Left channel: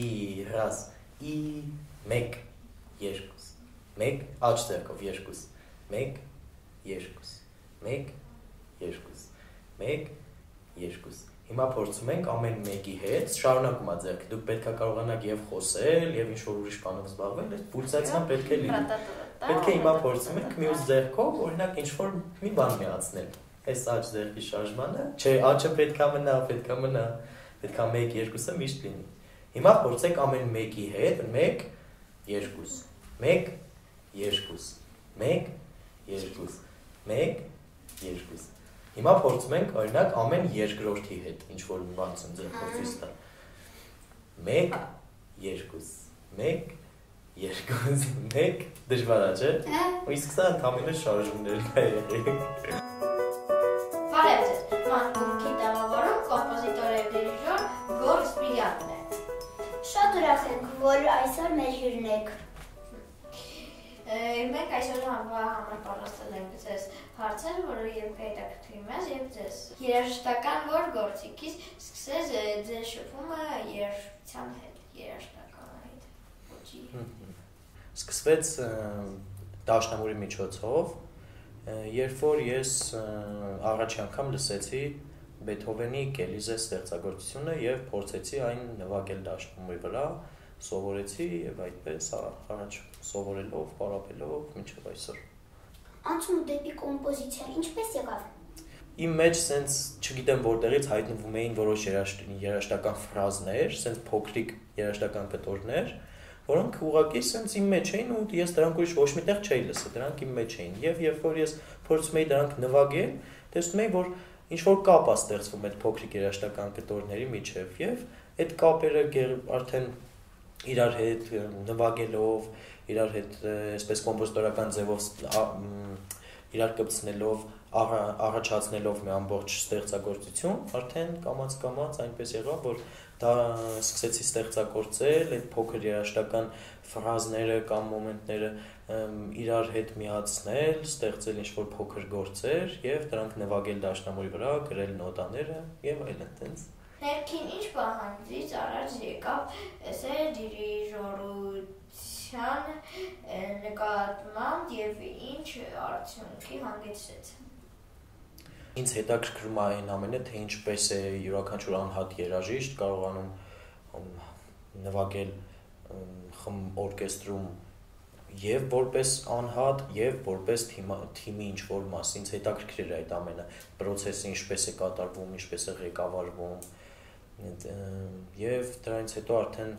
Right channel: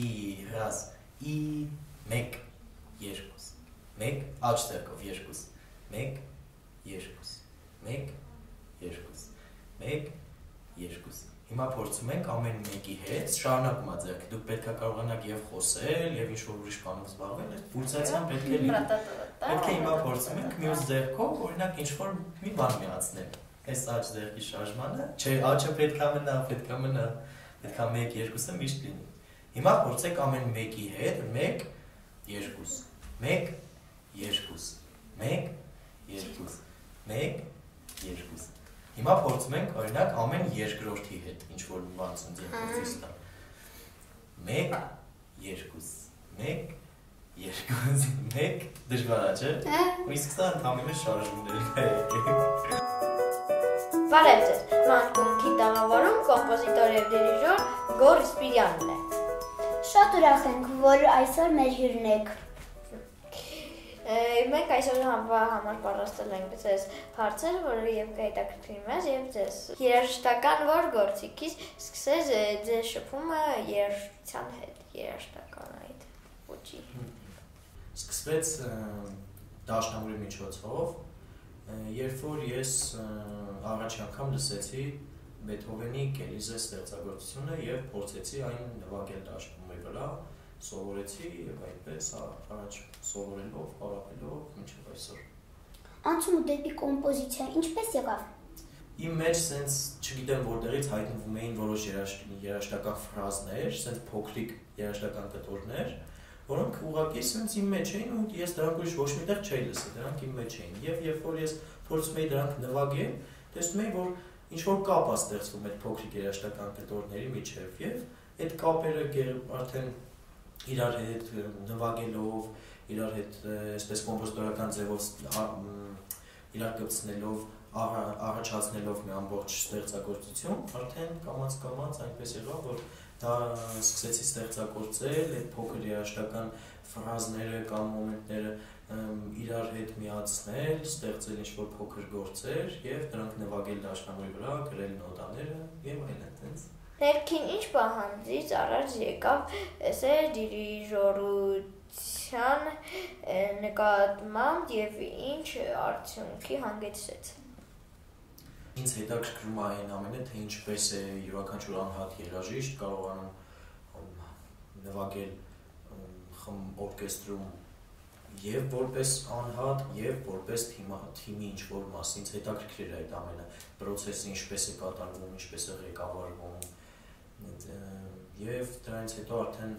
2 раз и 1 2 1 աջ ձեռքով 2 1 2 1 2 1 2 Հիմա փորձում ենք ամեն մեկի հետ շարունակում է ձեռքը դուք պետք է կարողանաք եւ խոսել եւ ինչ որ ուրիշ բանով զբաղվել այս պուլսացիան պետք է լինի պետք է հիմա փորձում ենք մյուս ձեռքով օրինակ ինչ որ մի բան միացնել այս աջ ձեռքի շարժմանը չէ աջը պետք է մնա պետք է 1 2-ը միշտ լինի հիմա փորձեք ամեն մեկի հետ 1 2 1 2 1 2 1 2 Հիմա փորձում ենք օրինակ ամեն երկրորդի հետ ինչ որ բան ձեռքով ցույց տալ 1 2 1 2 1 դժվար է չէ ու իսկ սա ընդհանրապես շարժումներ Բարև ձեզ Մանկունքի տաղավարում կոմպոզիտոր եւ դիրիժոր Գոռ Սպիրյանն է Շատ ուրախ ենք որ այսօր մեր հյուրն եք Մենք այսօր համար պատրաստել ենք ձեզ հարցեր, որը եւ կհետաքրքրի մեզ եւ ձեզ։ Երաժշտական որ գործիքից սկսես ձեզ շփումը երաժշտության հետ, երաժշտական այդ ոճի։ Սկսվեց դաշնամուրի միջոցով, երբ որ ես առաջի անգամ լսեցի Բեթհովենի Կելիզե ստեղծագործությունը եւ փորձեցի այն նվագել դաշնամուրի վրա Սովորեցի եւ այդպես առաջ սովորելով, պարապելով մինչեւ այսօր։ Անցումը դեպի կոմպոզիցիա ինչպես եղավ։ Իմ մեջ սենց չգիտեմ որտեղից հայտնվում էին որոշ երաժշտական ֆրազներ, սենց փոքրիկ երաժշտական կտորներ, որոնք ուղղակի սենց իմ մեջ էին ու ես դրանք ուրիշ ոչ միտեղ չէի լսել, դրանք իմ մեջ էին։ Եվ երբ որ ես փորձում էի դրանք նվագել, տեսնում էի, որ ինչ որ կապ է ստեղծվում այդ փոքրիկ երաժշտական կտորների միջև եւ այդ կապերը արդեն իրար հետ նվագելով, իրար հետ այսպես կոմպոզիտորական ձևով իրար կպցնելով, առաջացնելով մի ամբողջ ստեղծագործություն, արդեն կամաց այնպես եղավ, որ դա սկսեցի ստեղծագործել, այդ փոքր երաժշտական ֆրազները կամ մոմենտները իրար հետ միացնել, ստեղծել ինչ-որ փոքր գործեր եւ դրանք նվագել դաշնամուրի վրա, գրել նոտաները եւ այլն այդպես Ներքին ինչ պահանջից առաջ եկավ դիրիժորության նկատմամբ եւ ինչ արդյունքի հանգեցրեց։ Ինձ հետաքրքրում է այն ամենը, թե ինչպես է յուրաքանչյուր անհատ երաժիշտ կարողանում նվագել օրկեստրում եւ որպես անհատ եւ որպես թիմի ինչ որ մաս ինձ հետաքրքիր է այդ ամենը process-ը ինչպես է կատարվում, ինչպես է ղեկավարվում Եվ դրանից հետո արդեն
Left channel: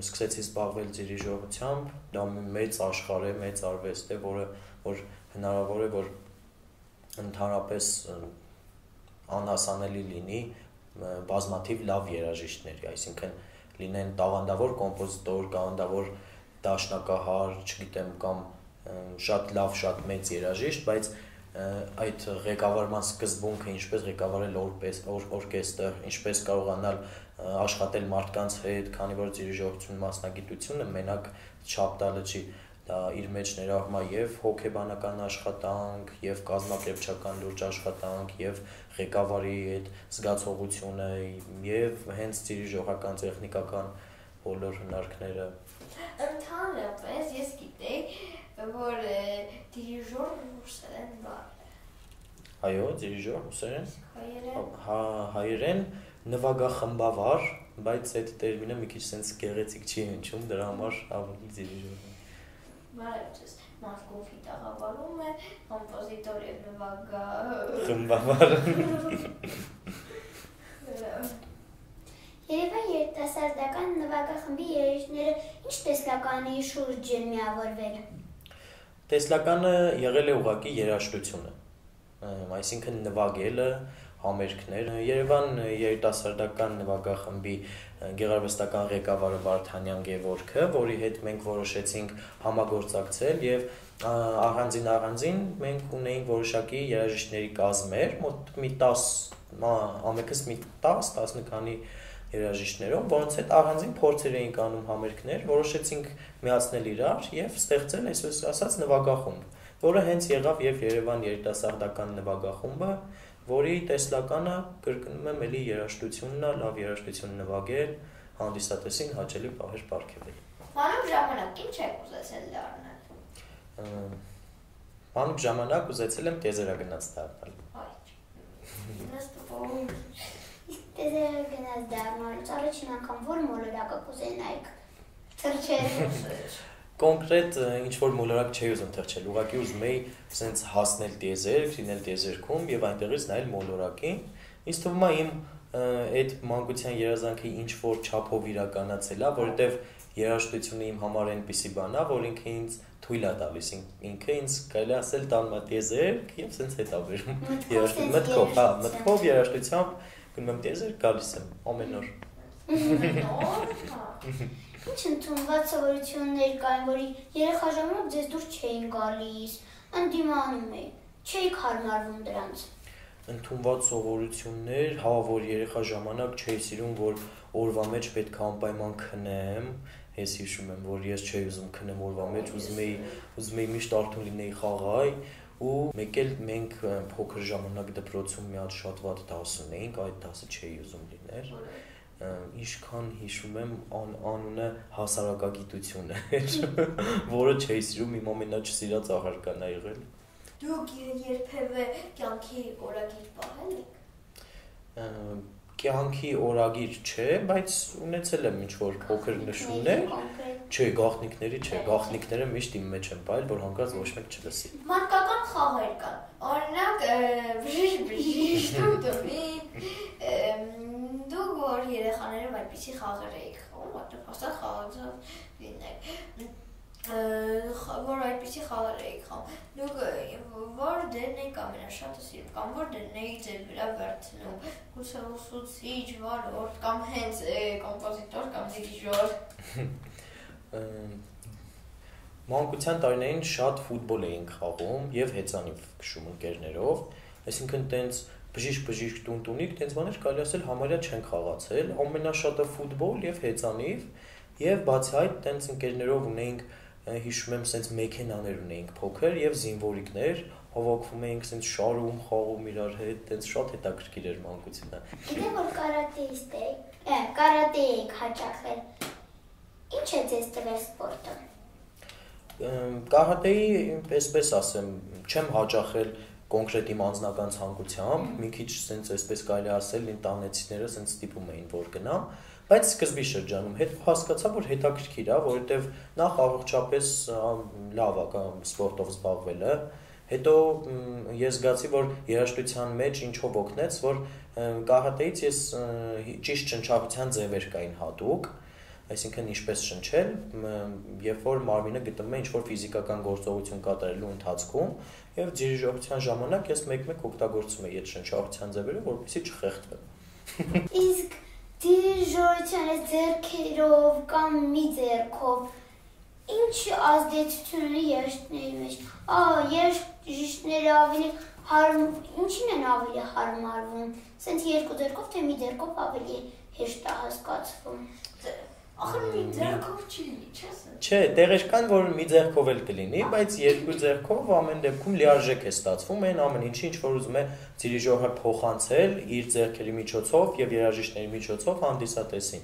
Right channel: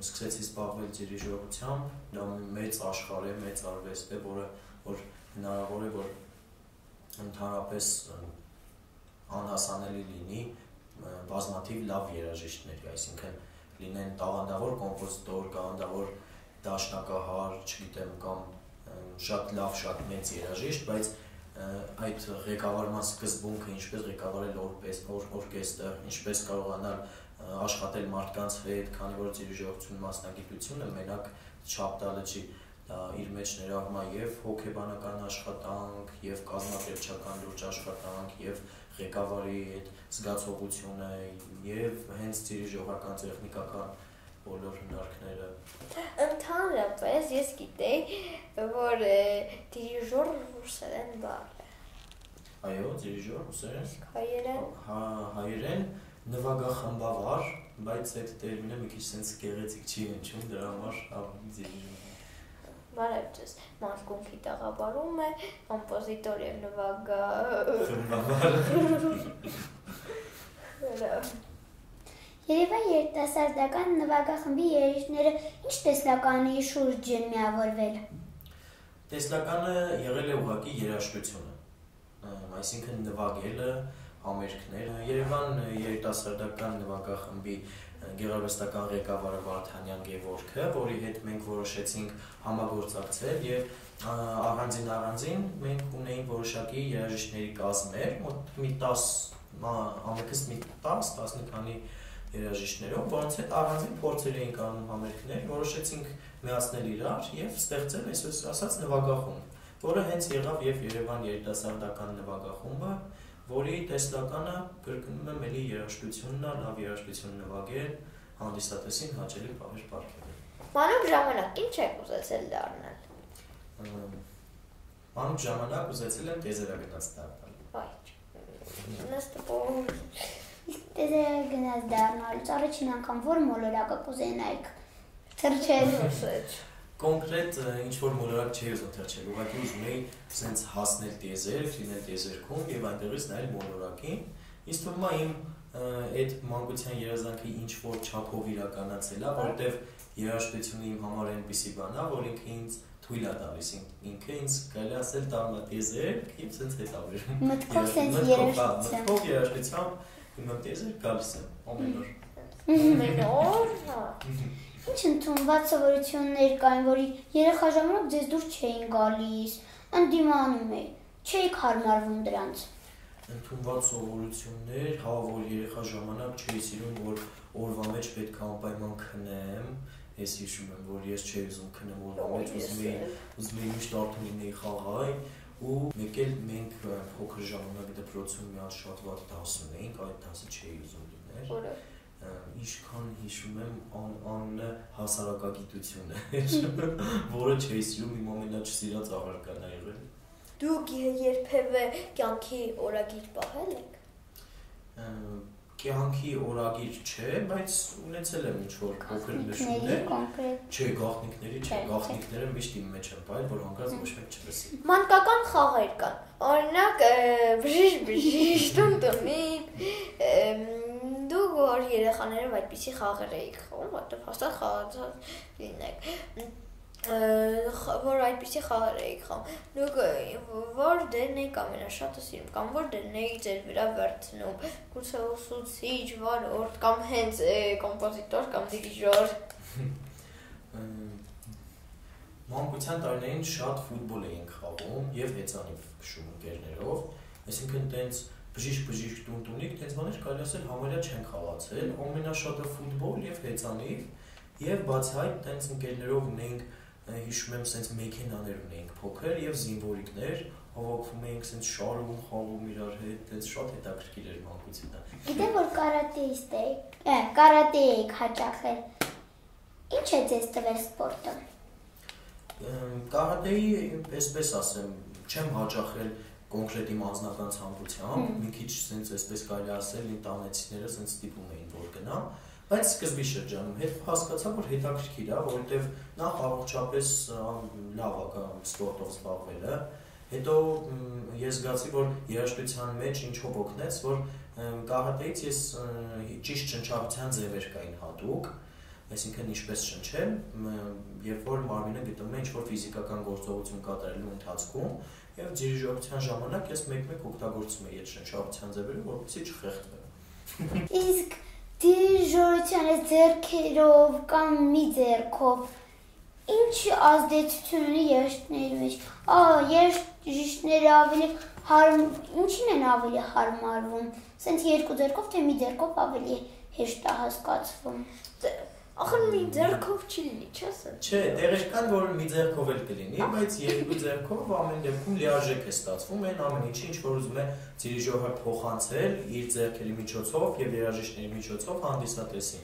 սկսեցի զբաղվել դիրիժորությամբ, դա մեծ աշխարհ է, մեծ արվեստ է, որ հնարավոր է, որ ընդհանրապես անհասանելի լինի բազմաթիվ լավ երաժիշտների, այսինքն լինեն տաղանդավոր կոմպոզիտոր, տաղանդավոր դաշնակահար, չգիտեմ, կամ շատ լավ, շատ մեծ երաժիշտ, բայց այդ ղեկավարման սկզբունքը ինչպես ղեկավարել օրկեստր, ինչպես կարողանալ աշխատել մարդկանց հետ, քանի որ դիրիժորություն մասնագիտությունը մենակ չափ տալը չի, դա իր մեջ ներառում է եւ հոգեբանական աշխատանք, եւ կազմակերպչական լուրջ աշխատանք, եւ ղեկավարի այդ զգացողությունը, եւ հենց դիրիժորական տեխնիկական բոլոր հնարքները Ընդհանրապես ես գիտեի, որ դիրիժոր ռուսերեն բառ է։ Այո, դիրիժոր ռուսերեն։ Հայերեն։ Հայերեն նվագախմբավար, բայց այդ տերմինը մի քիչ sense գեղեցիկ չի հնչում, դրա համար ավելի դիրիժոր։ Բարև ձեզ, Մանկունքի տաղավարում է կոմպոզիտոր եւ խմբավար։ Երևան երիտասարդական նվագախմբի երաժիշտները ինչ տեսլականի շուրջ են միավորվել։ Տեսլականը եղել է ուղղակի երաժշտությունը, այսինքն նվագելը, համերգներ։ Երևան երիտասարդական նվագախմբի գեղարվեստական ղեկավարը Վարդանյան Գևորգը, որի հետ մենք որոշեցինք համագործակցել եւ առանձին մենք ունեինք որոշակի երաժիշտների կազմեր, մոտ մի 10, ամենքս մի 10 քանի երաժիշտներով, որոնց հետ առանձին փորձեր էինք անում համերգներ, որոշեցինք միացնել իրար եւ ստեղծել այսպես ասած նվագախումբ, որը հենց եղավ եւ Երևան երիտասարդական նվագախումբը, որի տեսլականը կրկնում եմ էլի երաժշտությունն է, լավ երաժշտություն նվագել, հանդիսատեսին հաճելի պահեր պարգևել։ Մանուկ ժամանակ ինչ եք ուզեցել դառնալ։ Մանուկ ժամանակ ուզեցել եմ տեզերագնաց դառնալ։ Տեզերագնաց դառնալուց առաջին անգամ որ մոլորակը կուզենայիք թռչել։ Կոնկրետ ինչ-որ մոլորակ չէի ուզում թռչել, ուղղակի ուզում էի սենց հասնել տեզերք, լինել տեզերքում և այնտեղից նայել մոլորակին։ Ինձ թվում է իմ այդ մանկության երազանքը ինչ-որ չափով իրականացել է, որովհետև երաժշտությունը իմ համար այնպիսի բան է, որ ինքը ինձ թույլ է տալիս, ինքը ինձ կարելի ասել տանում է տեզերք և սենց հետ է բերում։ Մտքով երաժշտությամբ գնում եմ տեզերք, գալիս եմ ամեն օր։ Ինչ ընդունված սովորություններ կային, որի երեխա ժամանակ ձեզ դուր չէին գալիս, ընդդիմանում էի, չէիք հարմարվում դրանց։ Ընդունված սովորություններ, հա, որ երեխա ժամանակ չէի սիրում, որ օրվա մեջ պետք է անպայման քնեմ, ես հիշում եմ, որ ես չէի ուզում քնեմ օրվա մեջ, ուզում էի միշտ արթուն լինեի խաղայ, ու մեկ էլ մենք փոքր ժամանակ դպրոցում մի հատ շատ վատ դաս ունեինք, այդ դասը չէի ուզում լինել։ Ինչքան հիշում եմ անունը հասարակագիտություն էր, որը չէի սիրում, իմ ամենաչսիրած աղարկան է եղել։ Դուք երբևէ կյանքի օրագիր պահել եք։ Կյանքի օրագիր չէ, բայց ունեցել եմ ինչ-որ փոքր նշումներ։ Չէ, գաղտնիքների չէ, գաղտնիքները միշտ իմ մեջ են պահել, որ հանկարծ ոչ մեկ չլսի։ Մանկական խաղեր կան, օրինակ բժիշ, տունտունին, դուք որ երեխաներով այդպիսի խաղեր էիք խաղում, որտեղ հաստատ խաղացած լինեք, որ այդպիսի խաղեր էիք խաղում, դուք որ դերն էիք ամենաշատը սիրում, կամ որ դերն էիք ձեր վրա վերցնում, գուցե ուսուցիչ, վարորդ, կամ հենց կոմպոզիտոր, կամ դիրիժոր։ Մանկության տարիներին շատ ֆուտբոլ էինք խաղում և հեծանիվ քշում ընկերներով, այսինքն տենց բժիշկ տունտունիկ, տենց բաներ կարելի ասել համարյա չենք խաղացել, ամենաշատը ֆուտբոլ և հեծանիվ և բացի այդ տենց ընկերներով ունեինք, հիշում եմ սենց մեքենաներ ունեինք փոքր և զինվորիկներ, հավաքվում էինք սենց շարում, խաղում իրար հետ, տենց շատ հետաքրքիր էր մանկությունը։ Գիտեմ, որ կարատե էիք հաճախել, ինչ է ձեզ տվել սպորտը։ Կարատեի, այսպես ասեմ, չեմ հաճախել կոնկրետ իմ անձնական ցանկությամբ, մի քիչ սենց այսպես կարելի ասել, իմ տանեցիները սենց ստիպում էին, որ գնամ, բայց սկզբի շրջանում հետ հասկացա, որ հետաքրքիր է, որովհետև նախ առողջապես լավ է սպորտով զբաղվելը, հետո ես զգացի, որ երաժշտության մեջ ինչով օգնեց, որ կարատեից ես ճիշտ շնչառության ձևեր կային հատուկ, այսինքն ինչպես շնչել, երբ որ մարմինը գտնվում է ինչ-որ ֆիզիկական գործողություն կատարելու ընթացքում, և դիրիժորության ժամանակ ես մեկ-մեկ օգտագործում էի այդ շնչառության ձևերը, որպեսզի չխեղդվեմ։ Իսկ դիրիժորության այս ձեռքերով կամ մի ձեռքով ինչ ազդեցություն ունի երաժիշտների մեջ։ Երաժիշտները ինչին են ավելի հարմարվում, սենց երկու ձեռքով, թե մի ձեռքով ավելի հեշտ է հասկացվում։ Ախր մի ձեռքով չի լինի, չես։ Չէ, տեղեր կան, որ մի ձեռքով էլ կլինի, բայց երկու ձեռքով ամեն դեպքում լիարժեք է ստացվում, այն ամեն ինչի, ինչ որ ուզում է դիրիժորը փոխանցել իր ձեռքերի միջոցով և երաժիշտների միջոցով հանդիսատեսին։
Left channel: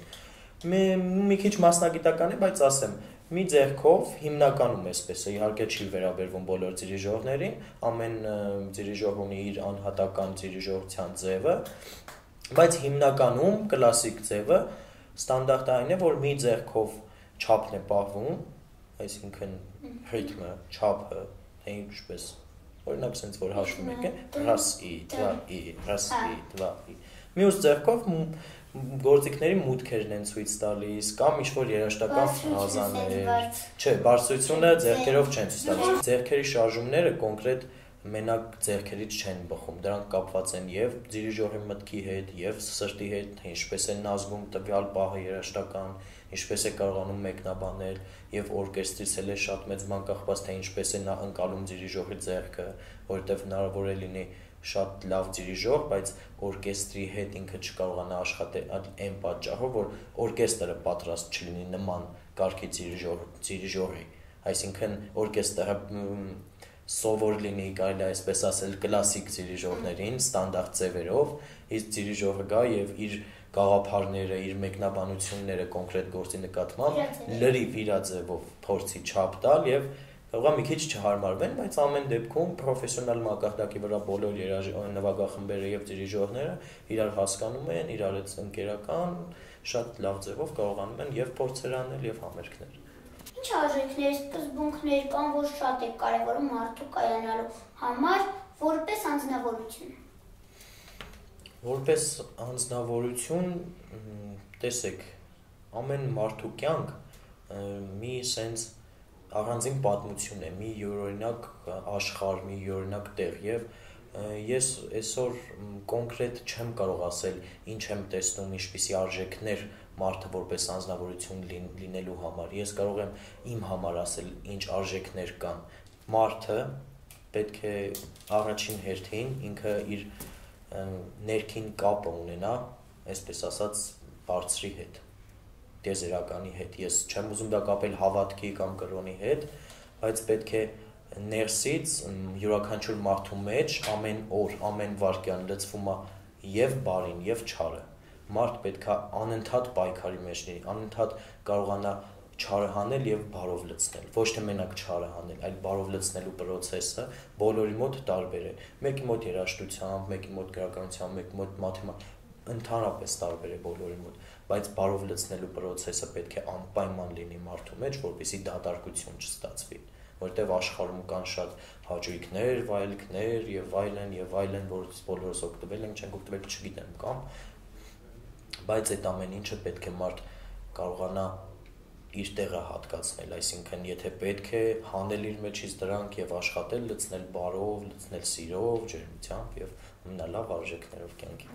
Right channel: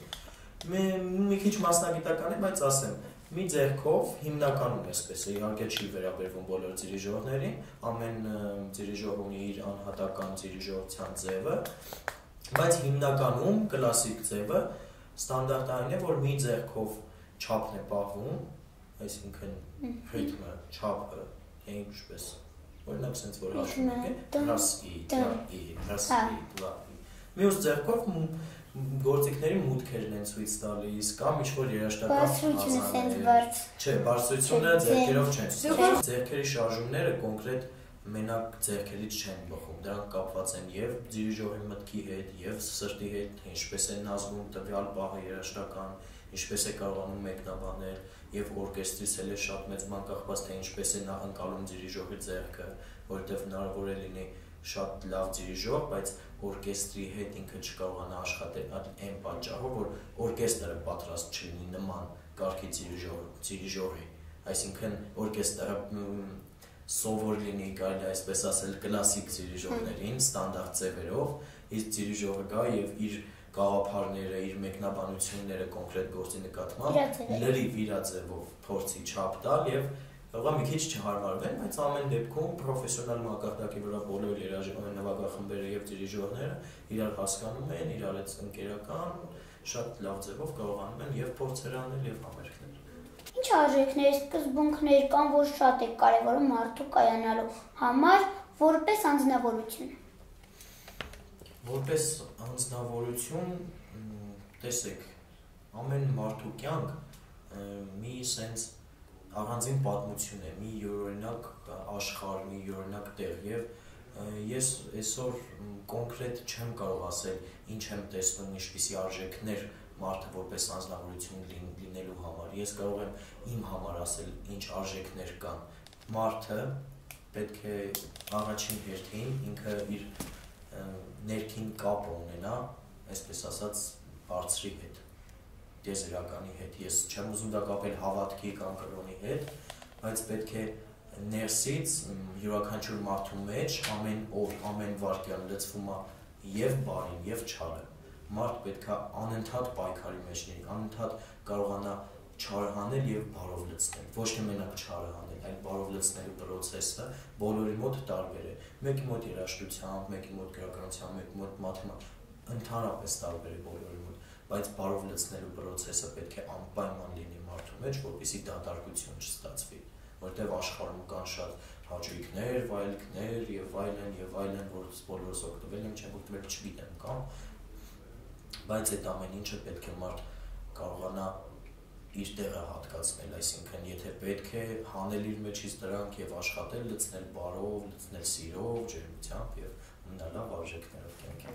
Մի քիչ մասնագիտական է, բայց ասեմ, մի ձեռքով հիմնականում էսպես է, իհարկե չի վերաբերվում բոլոր դիրիժորներին, ամեն դիրիժոր ունի իր անհատական դիրիժորության ձևը, բայց հիմնականում կլասիկ ձևը ստանդարտային է, որ մի ձեռքով չափն է պահվում, այսինքն ռիթմը, չափը, թե ինչպես, օրինակ սենց որ հաշվում եք, ռաս, ի, դվա, ի, ռաս, ի, դվա, ի։ Մյուս ձեռքով գործիքների մուտքերն են ցույց տալիս, կամ ինչ-որ երաժշտական ֆրազաներ։ Չէ, բարձրությունը ձեռքերով չեն ցույց տալիս։ Ձեռքերի շարժումները կոնկրետ մենակ ձեռքերից չեն բխում, դրանք կապված են և դիրիժորի մտքի հետ, և սրտի հետ, ինչպես են ազգում տվյալ պահը երաժշտական, ինչպես է կարողանում մեկնաբանել, և օրկեստրից էլ է շատ մեծ բան կախված, թե ինչպես է նա ընկալում դիրիժորի ձեռքը, որովհետև հնարավոր է լինի շատ լավ դիրիժոր, բայց օրկեստրի հետ ինքը չկարողանա աշխատել այն պատճառով, որ օրկեստրը պատրաստ չլինի նման կարգի դիրիժորի, այսինքն օրկեստրը սովոր լինի, կարելի այսպես ասել, կլասիկ դիրիժորներին, ստանդարտ ձևերով, իսկ դիրիժորը գա և իր գաղափարները, իր մեկնաբանությունները կոնկրետ գործի նկատմամբ լրիվ իր ձևով փորձի չափ տալ եւ կարող է մի քիչ չհարմարվեն, բայց ամեն դեպքում պրոֆեսիոնալ մակարդակի վրա բոլոր նվագախմբերը եւ դիրիժորները իրար հասկանում են, իրար հետ ընկերական շատ լավ ձևով կարողանում են եւ փորձեր անել եւ համերգներ։ Ինչ արժեքներ, սկզբունքներ կան, որ շատ է կարևորում մարդու կայանալու համար որպես անձնավորություն։ Որպես անձնավորություն, տեսեք, ամեն մարդու կյանք մի sense առանձին պատմություն է, մի յուրօրինակ աշխարհ, մի յուրօրինակ տեղ եւ ես այսօր կոնկրետ չեմ կարող ասել ինչ եմ տեսնում, ինչպիսի արժեքներ մարդը որպես անձնավորություն լինելու համար։ Ես կարող եմ իմ համար ասել ինչ արժեքներ կան։ Մարդը պետք է առաջին հերթին ինքը իր ներքին կապը ունենա, այսպես ասած, բարձրի հետ, տիեզերականի հետ։ Ես չեմ ուզում դա կապել հավատքի կամ կրոնի հետ, բայց պետք է ներսից յուրաքանչյուր մարդու մեջ ամեն օր, ամեն վայրկյան լցվում է եւ բարին, եւ չարը։ Մարդ պետք է անընդհատ պայքարի մեջ լինի, անընդհատ կարողանա չարը հանել եւ բարով լցնել։ Ոչ թե մենակ չարը հանել, այլ բարով լցնելու process-ը բոլորի մոտ տարբեր է։ Մեկի մոտ երաժշտությամբ, մեկի մոտ գրականությամբ, մեկի մոտ մաթեմատիկայով, ընդհանրապես տարբեր է բոլորի մոտ, բայց բարով լցնելու process-ը պետք է անպայման լինի մարդու մեջ, որպեսզի դատարկություն չստացվի, որտեղ աշխարհում կան շատ հաճույքներ, վայելքներ եւ այլն, որից բոլորս օգտվել ենք, չենք օգտվել, չգիտեմ, կամ բայց այդ ամեն ինչը պետք է մարդ կարողանա իր տեղը հատկացնել, այսինքն եթե պետք է հանել իր մեջից դրանք եւ աշխատել, լցնել բարով, լցնել սիրով, ջերմությամբ եւ ունենալ արժեքներով կյանքի։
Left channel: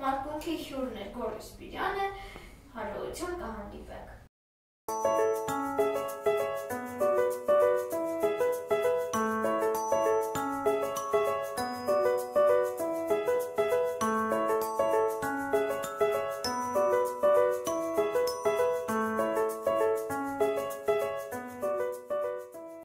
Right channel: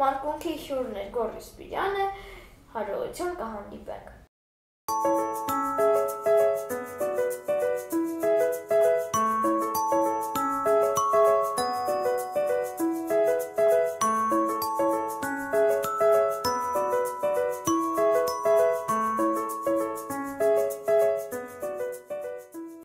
Մարկունքի հյուրն է Գոռ Սպիրյանը, հարողություն կհանդիպենք։